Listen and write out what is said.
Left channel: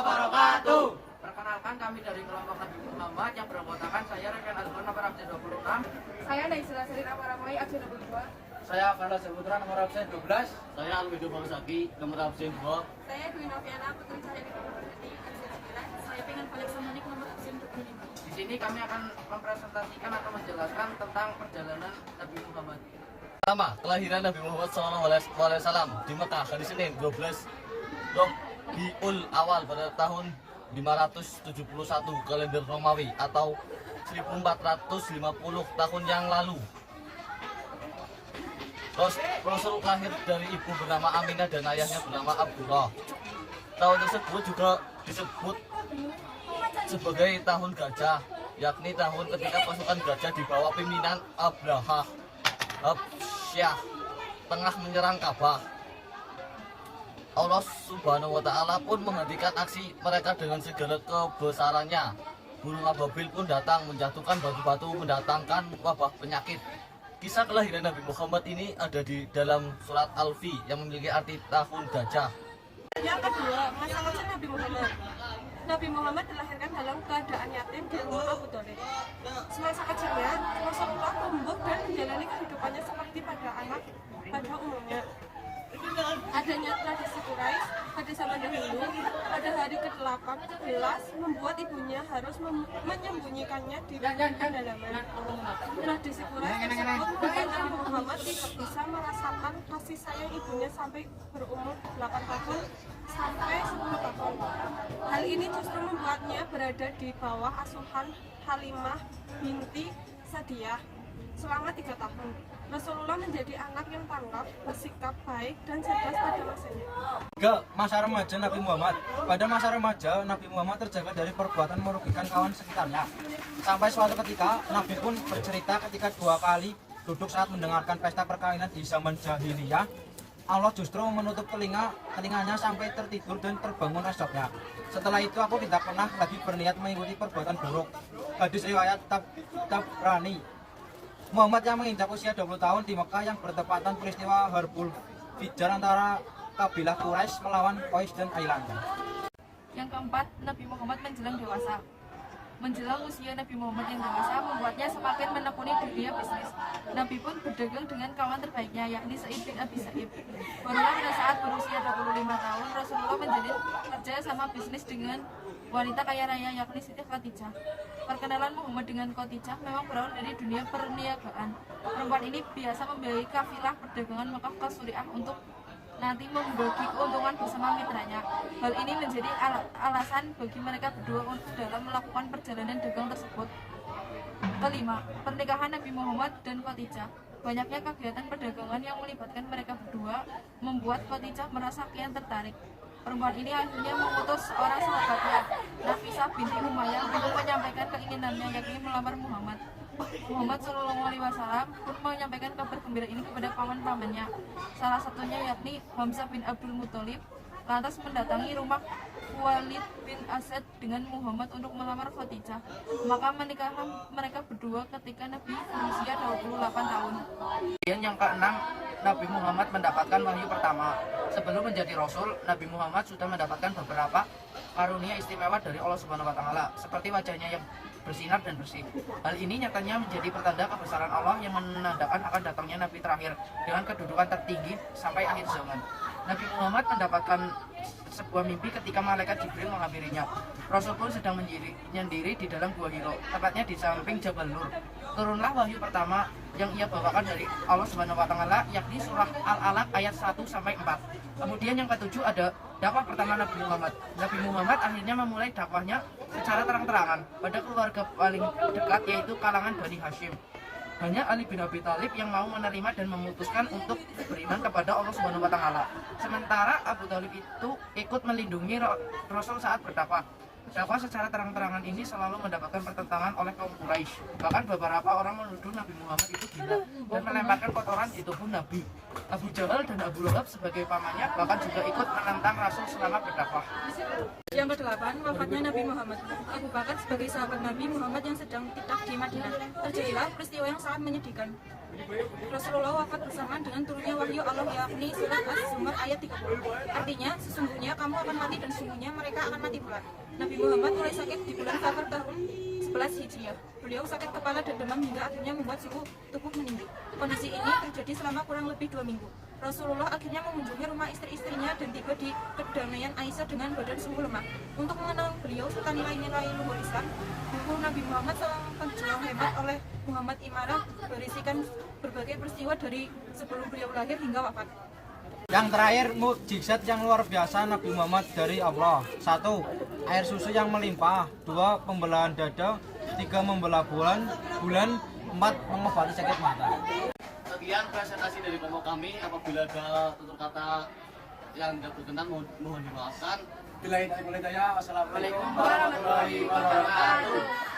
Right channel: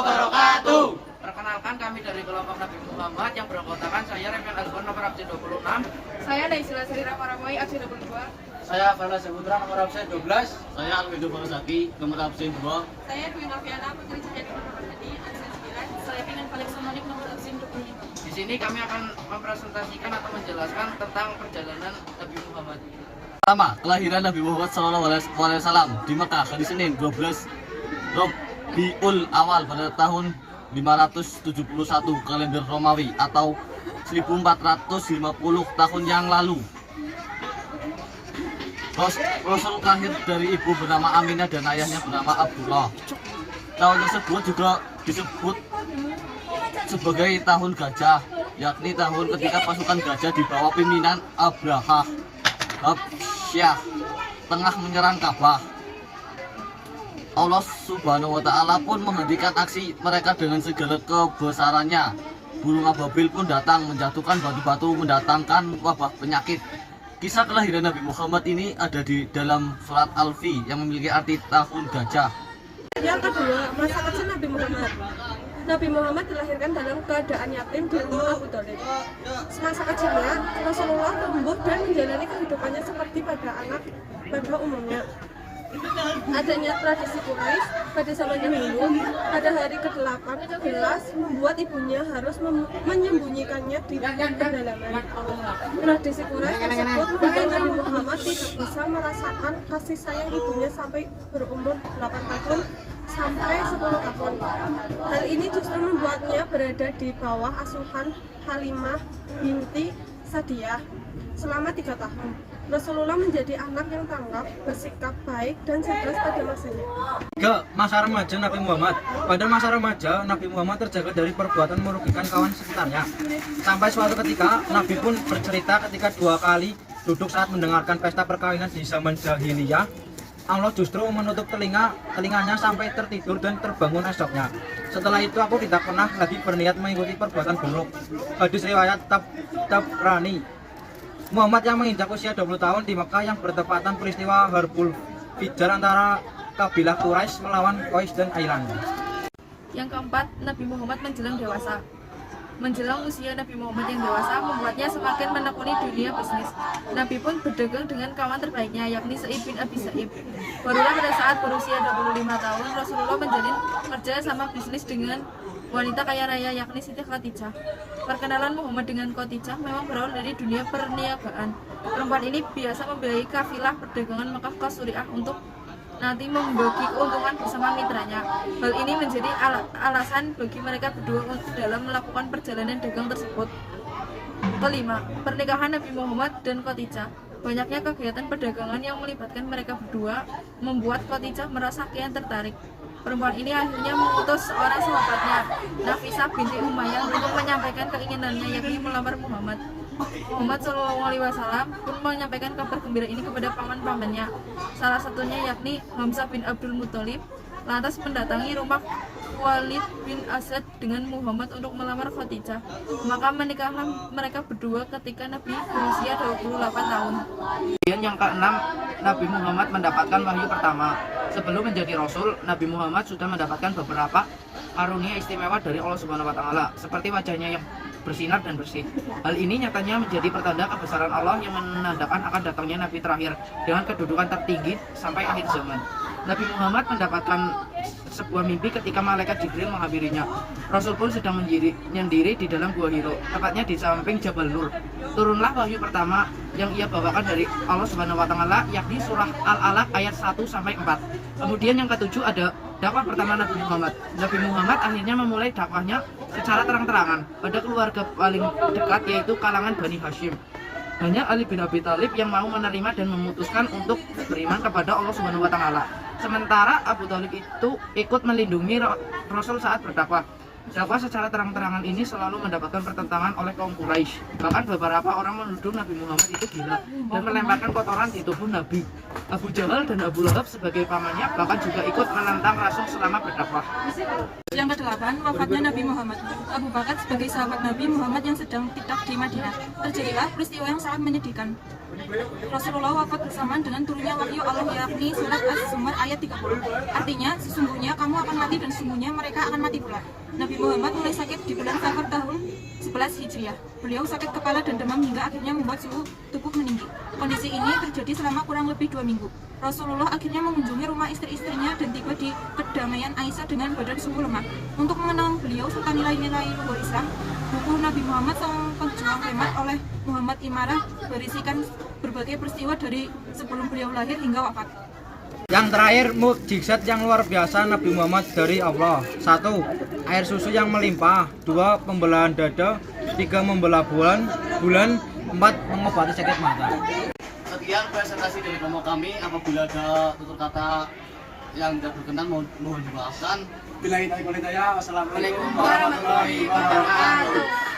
wabarakatuh. Perkenalkan, kami dari kelompok Nabi Muhammad yang beranggotakan saya Remyan Albar nomor absen 26. Saya Naisila Sri Ramadhani absen 22. Saya Fana Saputra nomor absen 12. Saya Alwido Farosaki, nomor absen 2. Saya Dwi Noviana Putri Cahyadi Purwodadi absen 9. Saya Pingan Falik Somonik nomor absen 25. Di sini kami akan mempresentasikan atau menjelaskan tentang perjalanan Nabi Muhammad. Pertama, kelahiran Nabi Muhammad SAW di Mekah hari Senin 12 Rabiul Awal pada tahun 571 kalender Romawi atau 1450 tahun yang lalu. Rasul lahir dari ibu bernama Aminah dan ayahnya bernama Abdullah. Tahun tersebut juga disebut sebagai tahun gajah, yakni tahun ketika pasukan gajah di bawah pimpinan Abraha Habsyah tengah menyerang Ka'bah. Allah Subhanahu wa Ta'ala pun menghentikan aksi mereka dengan segala kebesarannya. Burung ababil pun datang menjatuhkan batu-batu mendatangkan wabah penyakit. Kisah kelahiran Nabi Muhammad ini ada di dalam surat Al-Fi yang memiliki arti tahun gajah. Yang kedua, masa kecil Nabi Muhammad. Nabi Muhammad dilahirkan dalam keadaan yatim di rumah Abu Thalib. Semasa kecilnya, Rasulullah tumbuh dan menjalani kehidupannya seperti pada umumnya. Adanya tradisi Quraisy pada zaman dahulu, pada hari ke-8 11 membuat ibunya harus menyembunyikannya di pedalaman. Tradisi Quraisy tersebut membuat Nabi Muhammad tidak bisa merasakan kasih sayang ibunya sampai berumur 8 tahun sampai 10 tahun. Hal ini justru membuatnya berada di bawah asuhan Halimah binti Sa'diyah selama 3 tahun. Rasulullah menjadi anak yang tangkap, bersikap baik dan cerdas pada masanya. Masa remaja Nabi Muhammad. Pada masa remaja, Nabi Muhammad terjaga dari perbuatan merugikan kawan sekitarnya. Sampai suatu ketika, Nabi pun bercerita ketika 2 kali duduk saat mendengarkan pesta perkawinan di zaman jahiliyah. Allah justru menutup telinganya sampai tertidur dan terbangun esoknya. Setelah itu aku tidak pernah lagi berniat mengikuti perbuatan buruk. Hadis riwayat Tabrani. Muhammad yang menginjak usia 20 tahun di Mekah yang bertepatan peristiwa Harbul Fijar antara kabilah Quraisy melawan Qais dan Ailanda. Yang keempat, Nabi Muhammad menjelang dewasa. Menjelang usia Nabi Muhammad yang dewasa membuatnya semakin menekuni dunia bisnis. Nabi pun berdagang dengan kawan terbaiknya, yakni Sa'id bin Abi Sa'ib. Barulah pada saat berusia 25 tahun, Rasulullah menjalin kerja sama bisnis dengan wanita kaya raya, yakni Siti Khadijah. Perkenalan Muhammad dengan Khadijah memang berawal dari dunia perniagaan. Perempuan ini biasa membiayai kafilah perdagangan Mekah ke Suriah untuk nanti membagi keuntungan bersama mitranya. Hal ini menjadi alasan bagi mereka berdua untuk dalam melakukan perjalanan dagang tersebut. Kelima, pernikahan Nabi Muhammad dan Khadijah. Banyaknya kegiatan perdagangan yang melibatkan mereka berdua membuat Khadijah merasa kian tertarik. Perempuan ini akhirnya mengutus seorang sahabatnya, Nafisah binti Umayyah, untuk menyampaikan keinginannya, yakni melamar Muhammad. Muhammad SAW pun menyampaikan kabar gembira ini kepada paman-pamannya, salah satunya yakni Hamzah bin Abdul Muthalib. Lantas mendatangi rumah Walid bin Asad dengan Muhammad untuk melamar Khadijah. Maka menikahlah mereka berdua ketika Nabi berusia 28 tahun. Yang keenam, Nabi Muhammad mendapatkan wahyu pertama. Sebelum menjadi Rasul, Nabi Muhammad sudah mendapatkan beberapa karunia istimewa dari Allah Subhanahu wa Ta'ala, seperti wajahnya yang bersinar dan bersih. Hal ini nyatanya menjadi pertanda kebesaran Allah yang menandakan akan datangnya Nabi terakhir dengan kedudukan tertinggi sampai akhir zaman. Nabi Muhammad mendapatkan sebuah mimpi ketika malaikat Jibril menghampirinya. Rasul pun sedang menyendiri di dalam gua Hiro, tepatnya di samping Jabal Nur. Turunlah wahyu pertama yang ia bawakan dari Allah Subhanahu wa Ta'ala, yakni surah Al-Alaq ayat 1 sampai 4. Kemudian yang ketujuh ada dakwah pertama Nabi Muhammad. Nabi Muhammad akhirnya memulai dakwahnya secara terang-terangan pada keluarga paling dekat, yaitu kalangan Bani Hashim. Hanya Ali bin Abi Thalib yang mau menerima dan memutuskan untuk beriman kepada Allah Subhanahu wa Ta'ala. Sementara Abu Thalib itu ikut melindungi Rasul saat berdakwah. Dakwah secara terang-terangan ini selalu mendapatkan pertentangan oleh kaum Quraisy. Bahkan beberapa orang menuduh Nabi Muhammad itu gila dan melemparkan kotoran di tubuh Nabi. Abu Jahal dan Abu Lahab sebagai pamannya bahkan juga ikut menentang Rasul selama berdakwah. Yang ke-8, ke-8 wafatnya Nabi Muhammad. Abu Bakar sebagai sahabat Nabi Muhammad yang sedang tiktok di Madinah. Terjadilah peristiwa yang sangat menyedihkan. Rasulullah wafat bersamaan dengan turunnya wahyu Allah, yakni surat Az-Zumar ayat 30. Artinya, sesungguhnya kamu akan mati dan sesungguhnya mereka akan mati pula. Nabi Muhammad mulai sakit di bulan Safar tahun 11 Hijriah. Beliau sakit kepala dan demam hingga akhirnya membuat suhu tubuh meninggi. Kondisi ini terjadi selama kurang lebih 2 minggu. Rasulullah akhirnya mengunjungi rumah istri-istrinya dan tiba di kedamaian Aisyah dengan badan sungguh lemah. Untuk mengenal beliau serta nilai-nilai luhur Islam, buku Nabi Muhammad sang pejuang hemat oleh Muhammad Imarah berisikan berbagai peristiwa dari sebelum beliau lahir hingga wafat. Yang terakhir, mukjizat yang luar biasa Nabi Muhammad dari Allah. 1. Air susu yang melimpah. 2. Pembelahan dada. 3. Membelah bulan. 4. Mengobati sakit mata. Sekian presentasi dari kelompok kami. Apabila ada tutur kata yang tidak berkenan mohon dimaafkan. Bila kita wassalamualaikum Waalaikumsalam warahmatullahi wabarakatuh.